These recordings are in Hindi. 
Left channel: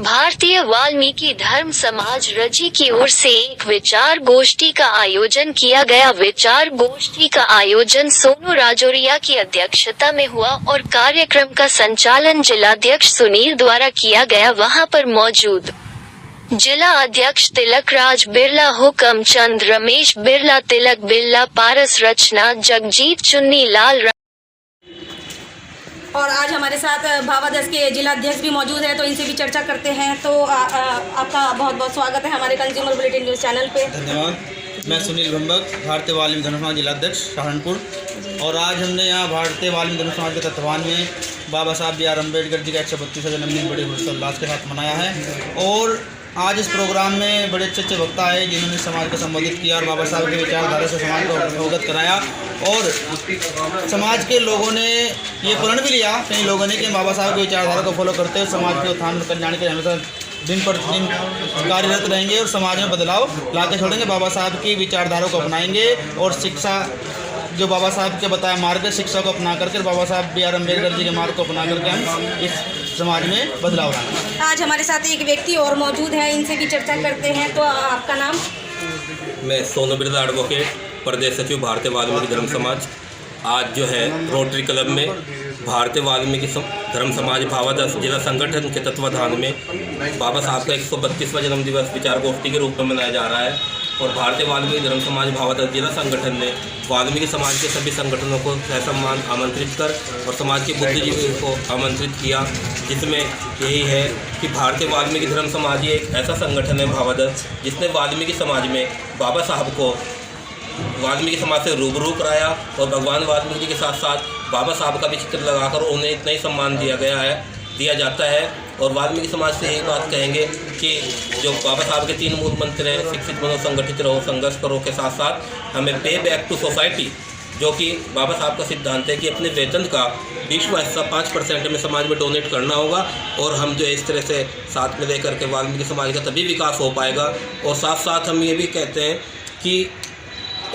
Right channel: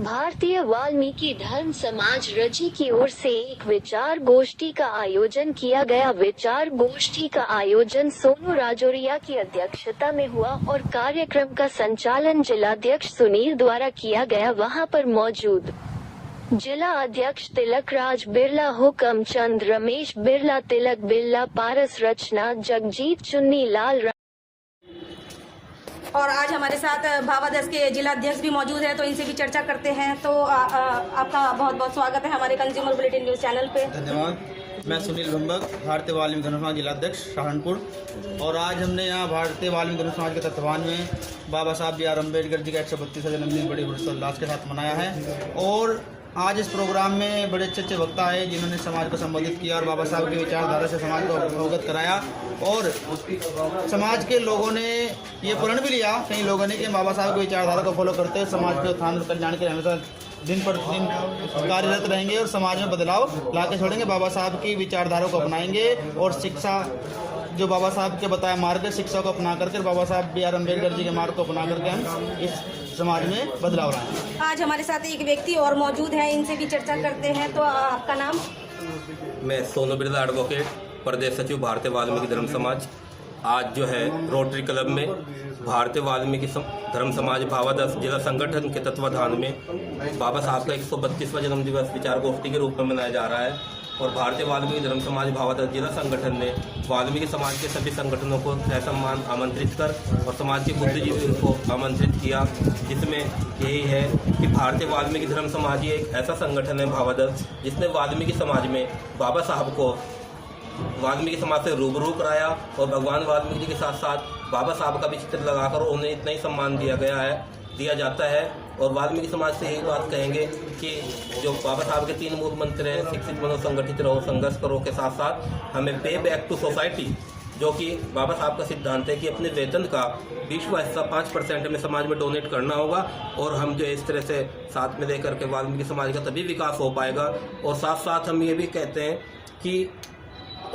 भारतीय वाल्मीकि धर्म समाज रजी की ओर से एक विचार गोष्ठी का आयोजन किया गया। विचार गोष्ठी का आयोजन सोनू राजौरिया की अध्यक्षता में हुआ और कार्यक्रम का संचालन जिलाध्यक्ष सुनील द्वारा किया गया। वहां पर मौजूद जिला अध्यक्ष तिलक राज बिरला, हुक्म चंद, रमेश बिरला, तिलक बिरला, पारस, रचना, जगजीत, चुन्नी लाल और आज हमारे साथ भावादस के जिला अध्यक्ष भी मौजूद है, तो इनसे भी चर्चा करते हैं। तो आपका बहुत बहुत स्वागत है हमारे कंज्यूमर बुलेटिन न्यूज़ चैनल पे। धन्यवाद। मैं सुनील भंबक, भारतीय वाल्मीकि धर्म समाज जिलाध्यक्ष सहारनपुर। और आज हमने यहाँ भारतीय वाल्मीकि धर्म समाज के तत्वान में बाबा साहब बी आर अम्बेडकर जी का 132वां जन्मदिन बड़े हर्षोल्लास के साथ मनाया है। और आज इस प्रोग्राम में बड़े अच्छे वक्ता आए जिन्होंने समाज को संबोधित किया और बाबा साहब के विचारधारा से समाज को अवगत कराया। और समाज के लोगों ने ये प्रण भी लिया, कई लोगों ने, कि बाबा साहब के विचारधारा को फॉलो करते हुए समाज के उत्थान कल्याण के हमेशा दिन पर दिन कार्यरत रहेंगे और समाज में बदलाव लाके छोड़ेंगे। बाबा साहब की विचारधारा को अपनाएंगे और शिक्षा, जो बाबा साहब के बताया मार्ग है, शिक्षा को अपना करके बाबा साहब बी आर अम्बेडकर जी के मार्ग को अपना करके हम इस समाज में बदलाव लाएंगे। आज हमारे साथ एक व्यक्ति और मौजूद हैं, इनसे भी चर्चा करते हैं। तो आपका नाम? मैं सोनू बिरला, एडवोकेट, प्रदेश सचिव, भारतीय वाल्मीकि धर्म समाज। आज जो है रोटरी क्लब में भारतीय वाल्मीकि धर्म समाज भावादस जिला संगठन के तत्वाधान में बाबा साहब का 132वां जन्म दिवस विचार गोष्ठी के रूप में मनाया जा रहा है। और भारतीय वाल्मीकि धर्म समाज भावादस जिला संगठन ने वाल्मीकि समाज के सभी संगठनों को सम्मान आमंत्रित कर और समाज के बुद्धिजीवियों को आमंत्रित किया, जिसमें यही है कि भारतीय वाल्मीकि धर्म समाज एक ऐसा संगठन है भावादस जिसने वाल्मीकि समाज में बाबा साहब को वाल्मीकि समाज से रूबरू कराया और भगवान वाल्मीकि जी के साथ साथ बाबा साहब का भी चित्र लगाकर उन्हें इतना ही सम्मान दिया जाता है। और वाल्मीकि समाज से यही बात कहेंगे कि जो बाबा साहब के 3 मूल मंत्र हैं, शिक्षित बनो, संगठित रहो, संघर्ष करो, के साथ साथ हमें पे बैक टू सोसाइटी, जो कि बाबा साहब का सिद्धांत है कि अपने वेतन का 20वां हिस्सा 5% में समाज में डोनेट करना होगा। और हम जो इस तरह से साथ में लेकर के वाल्मीकि समाज का तभी विकास हो पाएगा। और साथ साथ हम ये भी कहते हैं कि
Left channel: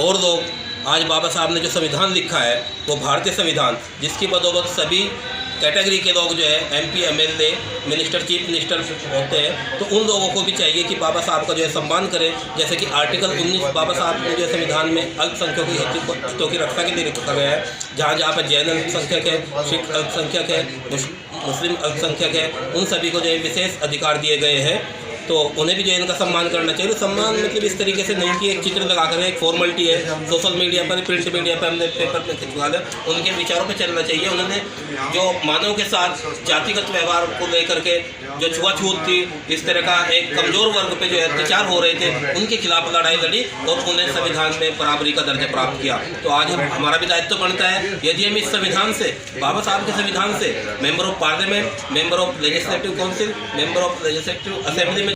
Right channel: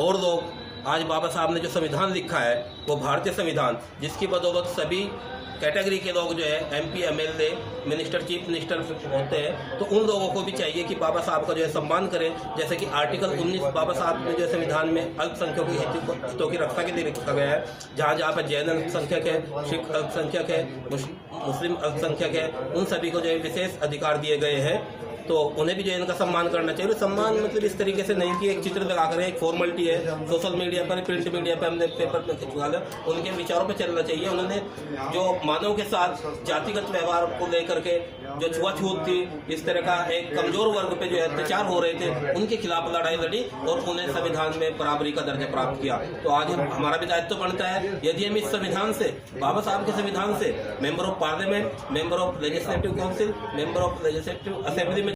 और लोग आज बाबा साहब ने जो संविधान लिखा है वो भारतीय संविधान, जिसकी बदौलत सभी कैटेगरी के लोग जो है MP, MLA, minister, chief minister होते हैं, तो उन लोगों को भी चाहिए कि बाबा साहब का जो है सम्मान करें। जैसे कि आर्टिकल 19 बाबा साहब ने जो संविधान में अल्पसंख्यकों की हितों की रक्षा के लिए रखा गया है, जहाँ जहाँ पर जैन अल्पसंख्यक है, सिख अल्पसंख्यक है, मुस्लिम अल्पसंख्यक है, उन सभी को जो है विशेष अधिकार दिए गए हैं। तो उन्हें भी जो इनका सम्मान करना चाहिए। तो सम्मान मतलब इस तरीके से नहीं कि एक चित्र लगाकर, एक फॉर्मेलिटी है, सोशल मीडिया पर, प्रिंट मीडिया पर हमने पेपर पर खिंचवा लिया, उनके विचारों पे चलना चाहिए। उन्होंने जो मानव के साथ जातिगत व्यवहार को लेकर के जो छुआछूत थी, इस तरह का एक कमज़ोर वर्ग पे जो अत्याचार हो रहे थे, उनके खिलाफ लड़ाई लड़ी और उन्हें संविधान में बराबरी का दर्जा प्राप्त किया। तो आज हमारा भी दायित्व बनता है, यदि हम इस संविधान से, बाबा साहब के संविधान से, member of parliament, member of legislative council, member of legislative assembly में